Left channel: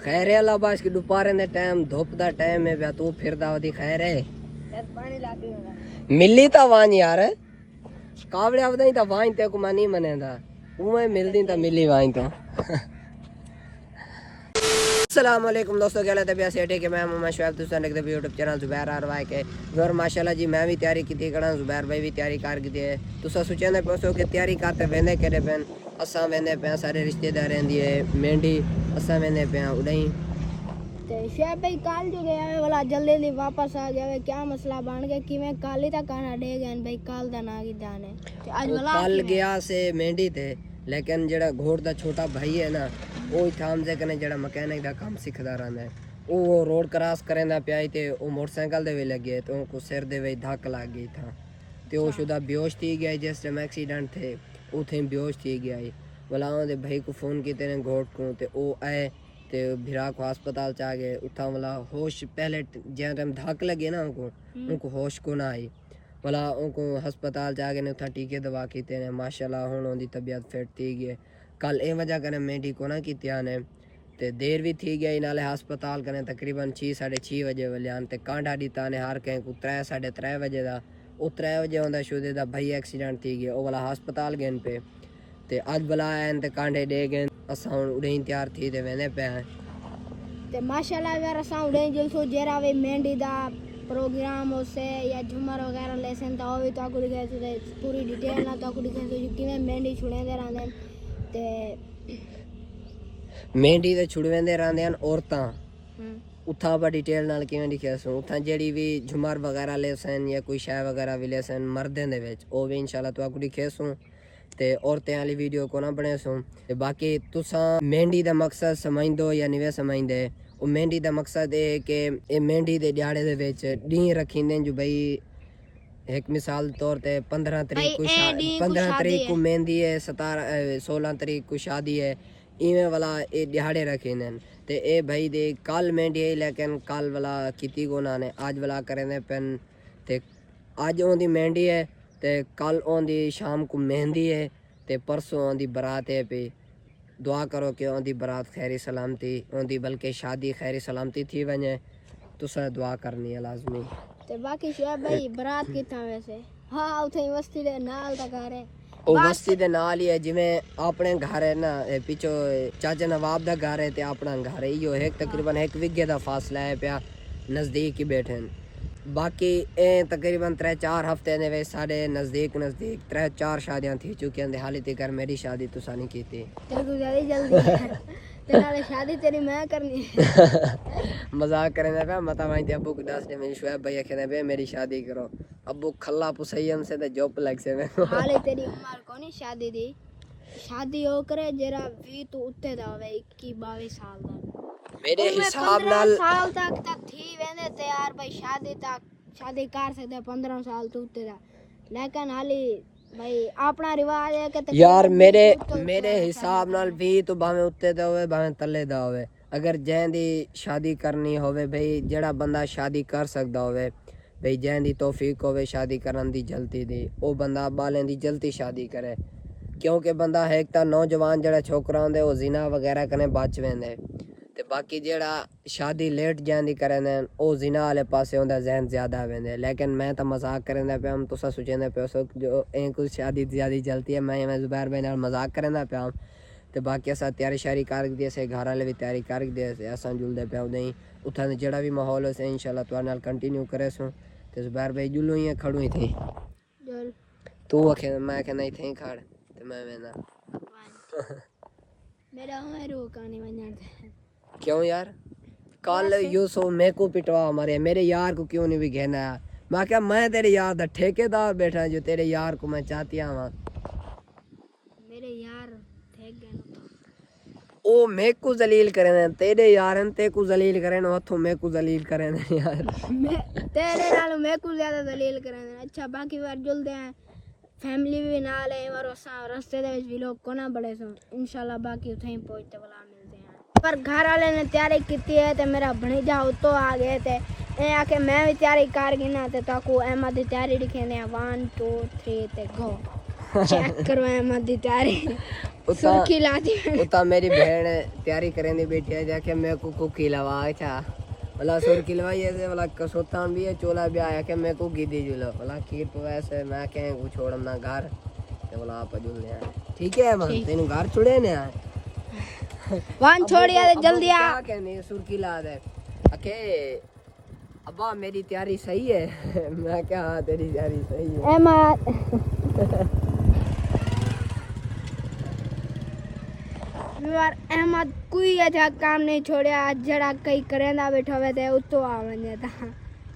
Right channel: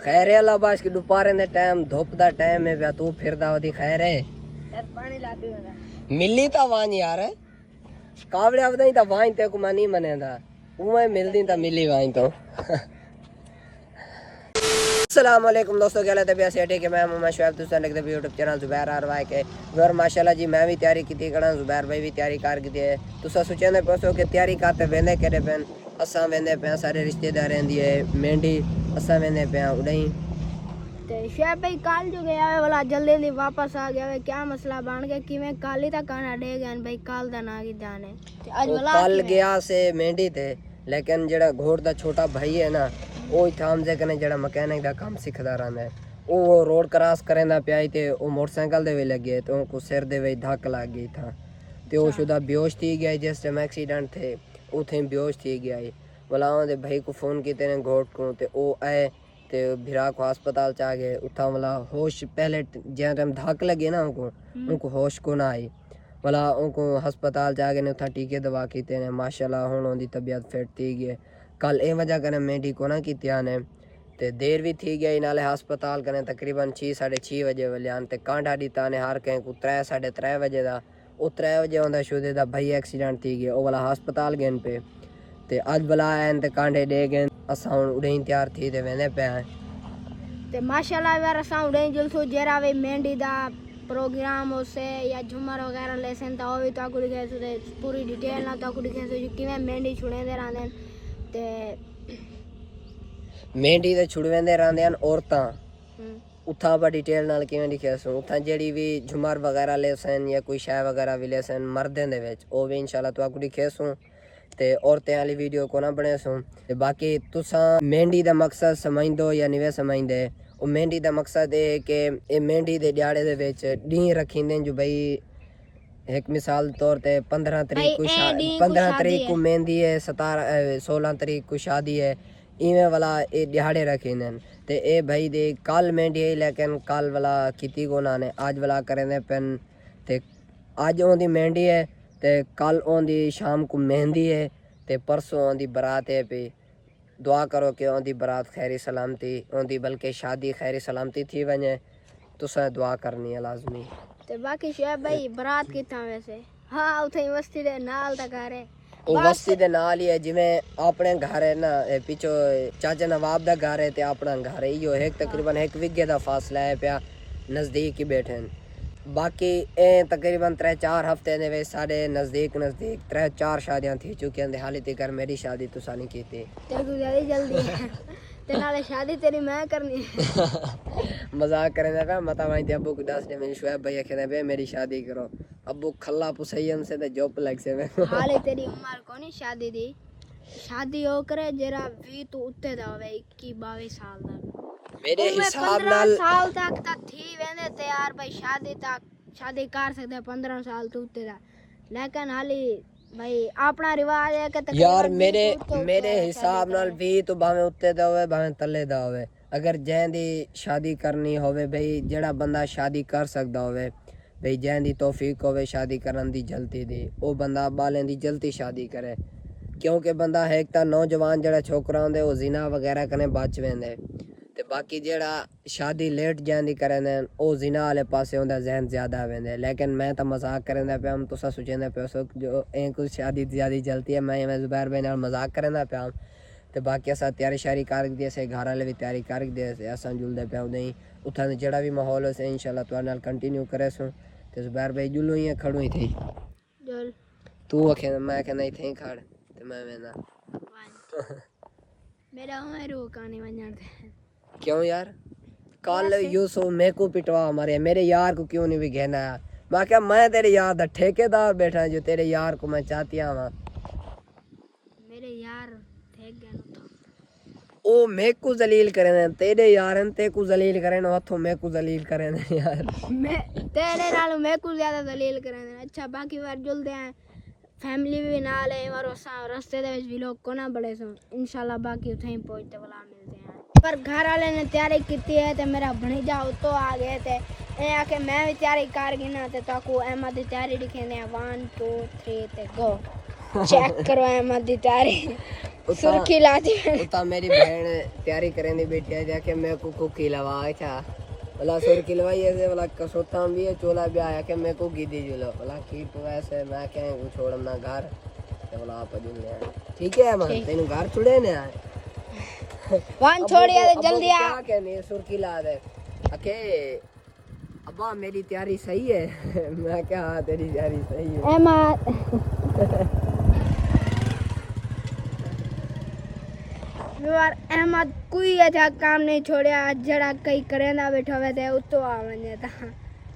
खैर है अल्लाह बाश की दोपहर दे टाइम धुप दा टाइम है बया तू फिरदा वदी खैर है यार पानी ला दी मिली ता वान यार कावड़े आवदा ता वान ते को मानी मनेंदा उमे मिलदी ता मिली वान तो अस्सलाम वालेकुम दोस्तों क्या हालत है भैया सेठ के मैं मोहम्मद शुएब तुम देख रहे यूट्यूब चैनल जुबैर आरवाई के और माशाल्लाह जी मैं भी तैयारी की थी कड़ा जुबैर भाई भी तैयारी कर की है तुसा सोचेंदे पोसो कि तैयारी करते वेंदे केड़े पेन असा वेंदे पे सारे रिश्तेदार दी मेंढी असा वेंदे पे उड़ई ते शुएब भाई काल जो गया है वाला जल्दी नहीं वापस आ गया है क्या मसला बन गया कि मैं काल ही तक खाना दे गया भाई काल दा ना की जाने आज वाला कल गया से मेंढी थे लेकिन जेड़ा घोड़ दा छोटा भाई है ना वो थाम जे कने जेड़ा मैकेनिक दा काम सिखदा रहंदा है वो रोड क्रॉस करेंदा पिया ते वो मोटरसाइकिल दे वे लगे तो उनको सिर दे वे धक्क लग गई था ते वो शुदा बेहोश थी गया जिस टाइम एक्सीडेंट थे उथे बेहोश थी गया वाला दे भाई को फोन कीते ने घोड़ को ते वो आए ते भिरा को अस्पताल चा गए उठा वाला होश पहले जे टाइम धक्क लगे ना उनको होश को ना आई वाला उनको अस्पताल जाके ने उठा टीके दवा कीते ने माशाल्लाह हुन उनकी तबीयत फिट थी गई कल ए वजह कने मेंढी को ना कीतिया ने ते देर भी थी गई नाले अस्पताल कने तकरीबन 6-6:30 बजे वलियान ते कांडा दीता ने हर कहीं को 3-3:30 बजे दा ओ 3 बजे आंदा शुदे दा भाई एक्सीडेंट थी गया ओ वाला अस्पताल गए पे ते आज वाला आन ते कांडे दे गए असा हुन उड़े तैयार थी ते वेने पे ते माशाल्लाह यार असा उड़े जुलसो जेरा वे मेंढी दा प्रोग्राम उसे या झुमर वगैरह लेसन ता भी ता कुड़ी के पूरी डिटेल ना ता कुड़ी के किवें मेंढी छुड़े दे रहंदे ते मेंढी ते छुड़वेंदे रहंदे हन औरतां उथा पर डिटेल नाल किवें लिखिया सो उथा जेड़ी भी झुमर वगैरह लेसन या कोई शय वगैरह भी लेसन मर्दें दे विच ओ भी इंशाल्लाह तो कुड़ी खेसू ते औरतें वाली वीडियो को ना बने सो ते बाकी तुसा मेंढी दा मकसद समझदो या निवे समझदे ओ मेंढी दा मकसद है कि ए मेंढी दे दिहाड़े दे विच डी रखींदे जो भाई एक मिसाल तौर पे 15 तारीख को 15 तारीख को मेहंदी है 16 तारीख को शादी है इवें वाला ए दिहाड़े रखींदे ते ए भाई दे कल मेंढी है लेकिन कल वाला कीती को ना ने आज वाला करेंदे पेन ते आज ओंदी मेंढी है ते कल ओंदी शाम को मेहंदी है ते परसों ओंदी बारात है पे दुआ करो कि ओंदी बारात खैरी सलामती ओंदी बल्कि शादी खैरी सलामती थी वने तुसा दुआ करनी है लाजमी ते बाकी शुएब भाई बारात किथा वैसे हां उथे वस्ती दे नाल ता घर है ओ वस्ती दे नाल ही है जिवें अपने घर है ना पीछो चाचा नवाब दा घर है ते अपना घर है यो एक तकरीबन 1 विगे दा फासला है पिया नजदीक ही बैठे बाकी ए तकरीबन 3-4 हफ्ते ने वे साढ़े नजदीक 3-4 शादियां थी चुकी हैं हाली तक मेरी शादी तुसा नहीं की थी तेरे शादी तेरी मैं करनी मजाक करने पे मता वहीं ते अब्बू को दस दे मेरी शुएब भैया कहने पे मेरी शादी करो अब्बू खल्ला पुसैयन से ते जॉब लग से हाले तेरी उम्र कोनी शादी दी शादी हो करे जरा 20 तो उत्ते दा होवे 21-22 साल दा मेरे हिसाब नाल साल तक थी वेने तैयार भाई शादी कर सकदे 15 साल तो उत्ते दा लेकिन हाली भाई अपना रिवाज है कि यार मेरे हिसाब नाल भी तो भावे उत्ते दा होवे भावे तले दा होवे अगर जैंदी शादी करनी होवे भाई जेड़ा बंदा शादी कर सकदा होवे भाई जैंदी तौफीक होवे शादी करन दी जल्दी दी ओ बंदा बालें दी जल्दी शादी करे क्योंकि बंदा है एक ता नौजवान जेड़ा छोकरा होंदे ओ जिना वगैरह कने बच वेंदे ते बाकी जेड़ा शादी लेट जैंदी करने ओ जिना वाले पासे होंदा जहन ज्यादा वेंदे लेकिन मैं तो मजाक करने पे हम तुसा सोचेंदे पे सो जो कुछ शादी ज्यादा जलती है मैं जुबैर भाई नाल मजाक करने पे हम ते बाकी असा तैयारी शारी कर दिए से घर वाले भी तैयारी कर दिए से असा जुलदे पे नहीं उठा जेड़ा भी माहौल हो से इंशाल्लाह तो नाल कंटिन्यू करे सो ते जुबैर भाई जुलू ही खड़ू ही थी तू आखे मैं के नहीं थे खड़ ते मैं वेना मेरा उम्र रोकाने वणन क्यों यार कल यूसुफ मेरे को पिटवा मारे मेरे यार को क्यों नहीं भी घेना मैं क्या मैं तेरे यार दा ठेकेदार बैठा जो तेरे यार को मैं चाहती हूं मेरे यार ठेक गए ओ मेरे को जलील करे तेरे यार ते को जलील करे हाथों मेरे को जलील करे यार मैं तेरे नाल मेरे को ज्यादा जलील करे अच्छा बाकी बार जुलदे हैं फैमिली भी नाल है और रास्ते दे विच भी लोग कोना बड़े सो इंशाल्लाह बाकी उथे ही पहुंचते वाला मिलते हैं पर घर वाले ने तैयारी की है ते मेरा भणीजा उतो आ गए ते ए आके मैं भी तैयारी कर गिना ते ताको अहमद की तैयारी दिखे ने 1 2 3 ते गो चेक करो अहमद दी तैयारी सुर्खी लाती है उता मेरी बहन तैयारी करेंदी बैठी है जाके मैं को खिलावा था भला सुर खिलवाई ऐसे भला कसोतान भी है चोला भी आया के मैं को गिदी जुला भला खीर पवाए से मैं के वो छोड़म ना घर ते भला आप जुलने ठीक है man तेनु घर छोड़े ने यार वन छोड़ी आ जल्दी आ के नहीं सुर खिला दे अके अब्बा मेरी तैयारी सही है मैं क्या हाँ तेरी तैयारी सही है अहमद यार अहमद कोई अच्छा काम नहीं छोड़िया जड़ा कई करे ना बैठा हुए थे उतो आ वने था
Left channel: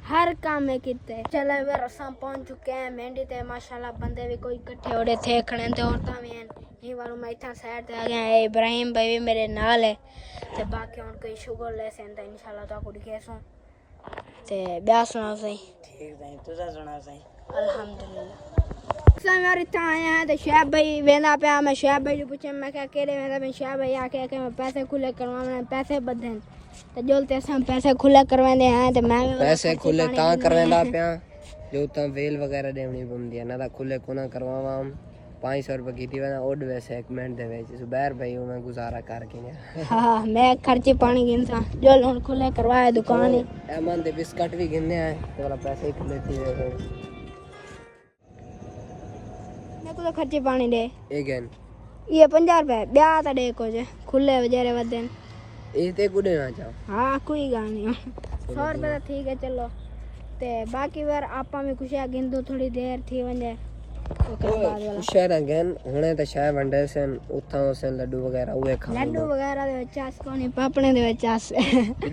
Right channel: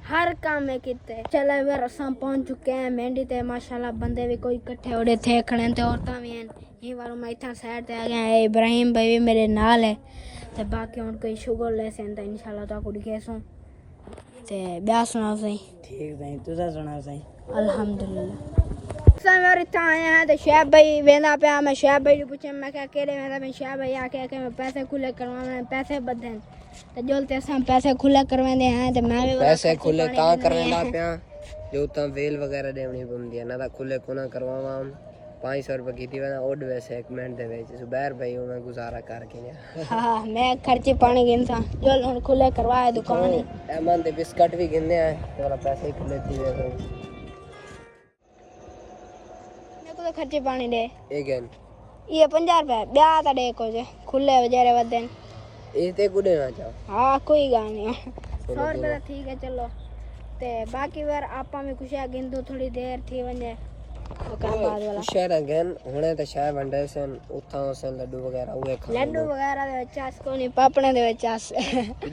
हर काम में किते चले वे रसा पहुंच चुके हैं मेहंदी ते माशाल्लाह बंदे भी कोई इकट्ठे होड़े थे खड़े ते औरतां भी हैं ये बार मैं इथा साइड ते आ गया है इब्राहिम भाई भी मेरे नाल है ते बाकी और कोई शुगर ले सेंदा इंशाल्लाह ता कुड़ी केसो ते ब्याह सुना सही ठीक है तुझा सुना सही अल्हम्दुलिल्लाह मेरे इतना आए हैं तो शैब भाई वेंदा पे मैं शैब भाई ने पूछा मैं क्या कह रहे हैं मैं शैब भाई आके के पैसे खुले करवाने पैसे बदन तो जोलते हम पैसे खुले करवाने हैं तो मैं भी पैसे खुले ता करवेंदा पिया जो ता वेल वगैरह देवनी पवंदी है ना ता खुले कोना करवावा 500 रुपए की थी ना ओड वैसे एक मिनट दे वेच सुबह भाई मैं गुजारा करके ने हां मैं खर्चे पानी गिनसा जो लोन खुले करवाए दुकान है एमन दे बिस्किट भी गिनने आए मेरा पैसे खुले थी वे मेरे को तो खर्चे पानी दे अगेन ये 50 रुपए ब्याह ता दे को जे खुले वजरे वदन इते गुडे ना जाओ हाँ कोई गल नहीं 100 रुपए ठीक है चलो ते बाकी बार आपा में कुछ गिन दो थोड़ी देर थी वने ओकर बाद वाला शहर अगेन हुने ते शाय वंडे सन उथा से लड्डू वगैरह उए खा लड्डू वगैरह दे चास को नहीं पापने दे चास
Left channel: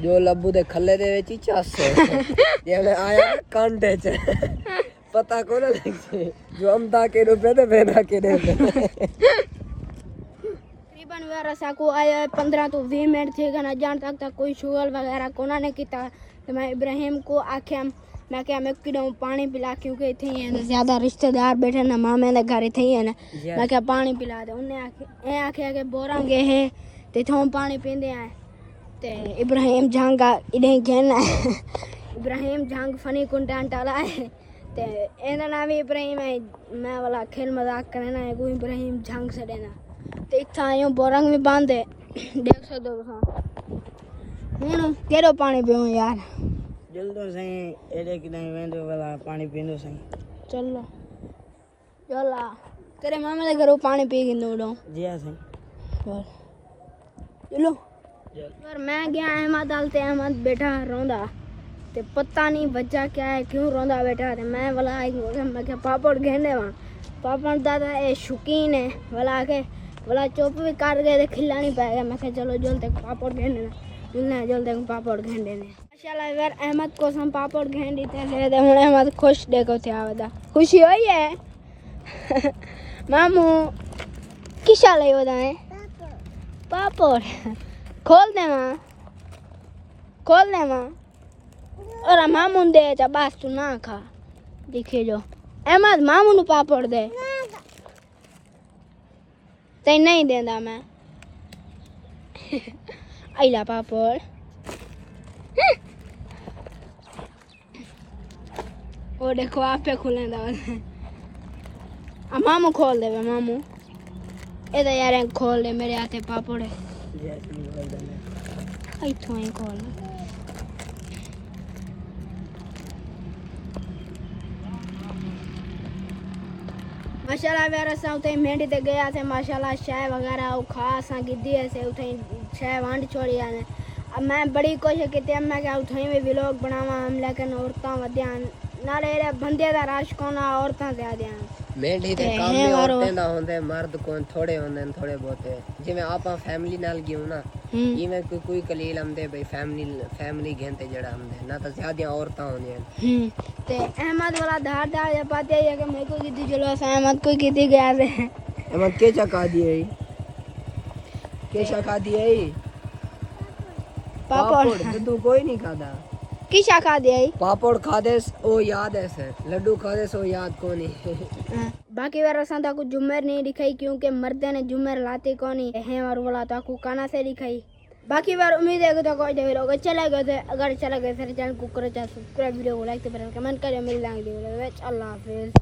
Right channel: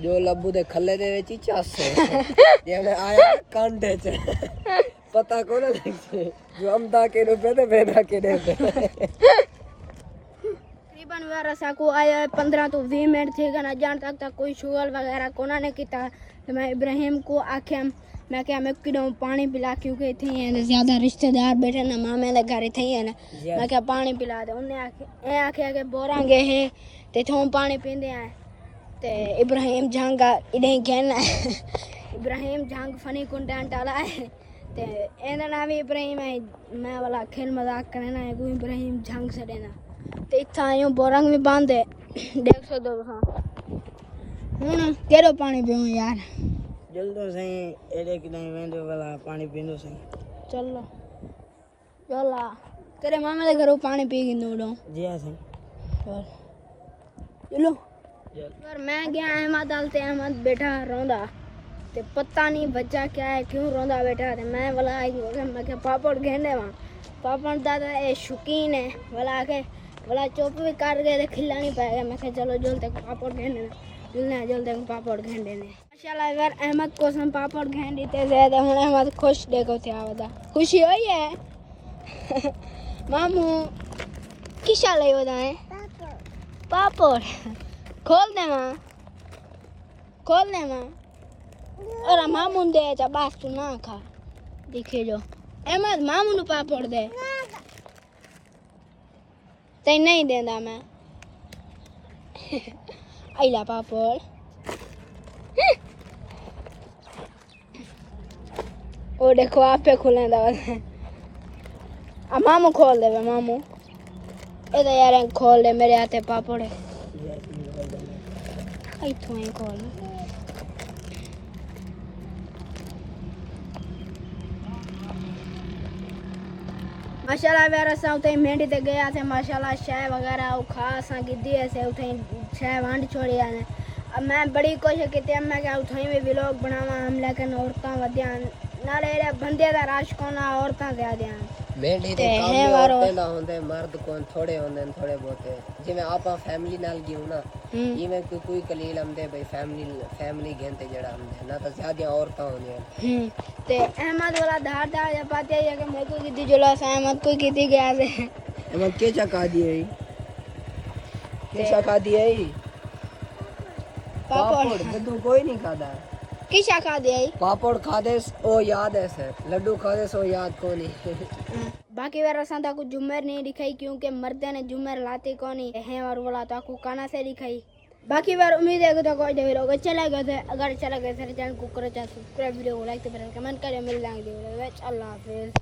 जो लब्बू दे खल्ले दे विच चास जेने आया कांडे च पता कोना जो हम ता के रुपए दे बेदा के दे तकरीबन वे रसा को आया 15 तो 20 मिनट थे ना जान तक कोई शुगर वगैरह कोना ने कीता तो मैं इब्राहिम को आख्या मैं क्या मैं किडो पानी पिला क्योंकि इथे ज्यादा रिश्तेदार बैठे ना मामे दे घर इथे है ना मैं क्या पानी पिला दे उन्हें आख्या के बोरा गए है ते थों पानी पींदे हैं ते इब्राहिम जंग इडे कहना इब्राहिम जंग फनी कंटेंट वाला है ते एना नाम इब्राहिम है मैं वाला खेल मजाक करना है कोई इब्राहिम जंग से देना ते इथा आयो बोरंग भी बांधे देख सकते हो केड़ो पानी पियो यार जल्दो सही एडे कि नहीं वेंदो वाला पानी पींदो सही चलो चला तेरे मामा दे घरों पानी पी के नोडो जी हां सही चलो पर मैं गया अहमद डालते अहमद बैठा रोंदा ते पता नहीं वजह क्या है क्यों रोंदा बैठा ते मैं वाला आई मैं के पापड़ घेंदे वहां पापड़ दादा ए शौकीन है वाला चुप भी कर गए ते खिला नहीं पाएगा मैं चलो जल्दी पापड़ घेंदे ना जल्दी पापड़ घेंदे ने माशाल्लाह यार अहमद को हम पापड़ घेन देते ज्यादा हुन अहमद खुश देखो थे आवदा खुशी होई है मामू किसा ले वदा है पापड़ खोल दे मां और मामू दे चा बस तू ना खा देखे जो अहमद मामू नु पापड़ दे ते नहीं देंदा मैं आइला पापड़ ओ देखो आप पे खुले मामू खोल दे मामू ए तो यार खोल दे मेरे हाथे पापड़ है इथों ही खोल माशाल्लाह मेरा साउथे मेहंदी ते गया थे माशाल्लाह चाय वगैरह खा सा गिद्दी ऐसे उठे चाय वांड छोड़ी आने अब मैं बड़ी कोशिश की मैं क्या उठे में व्लॉग बनावा हम लेकिन औरतां वध्या नाले बंदे दा राश कोना औरतां दे ध्यान मेंढी ते काम में औरतें दा होंदे मर्द कोन थोड़े होंदे थोड़े बहुत जिवें आपा फैमिली नाल गियो ना इवें कोई कलील हमदे भाई फैमिली घेंते जड़ा हमदे ना तो ज्यादा औरतां होंदियां ते अहमद वाला धार या पाते है कि मैं को गिद्दी जुला अहमद को गिद्दी गया से अहमद के चका दिए के चका दिए पापड़ तू कोई नहीं खाता किसा खा दे पापड़ खादे ओ याद है सर लड्डू खादे सो याद को नहीं बाकी बार असा ताकू जुमेर नहीं दिखाई क्योंकि मर्दे ने जुमेर लाते को नहीं है और बोला ताकू काना से दिखाई बाकी बार उम्मीद है कि तो कोई देख लोगे चले गए थे अगर चले गए थे चैनल को करो सब्सक्राइब वीडियो को लाइक कमेंट करें मिल जाएंगे अल्लाह हाफिज।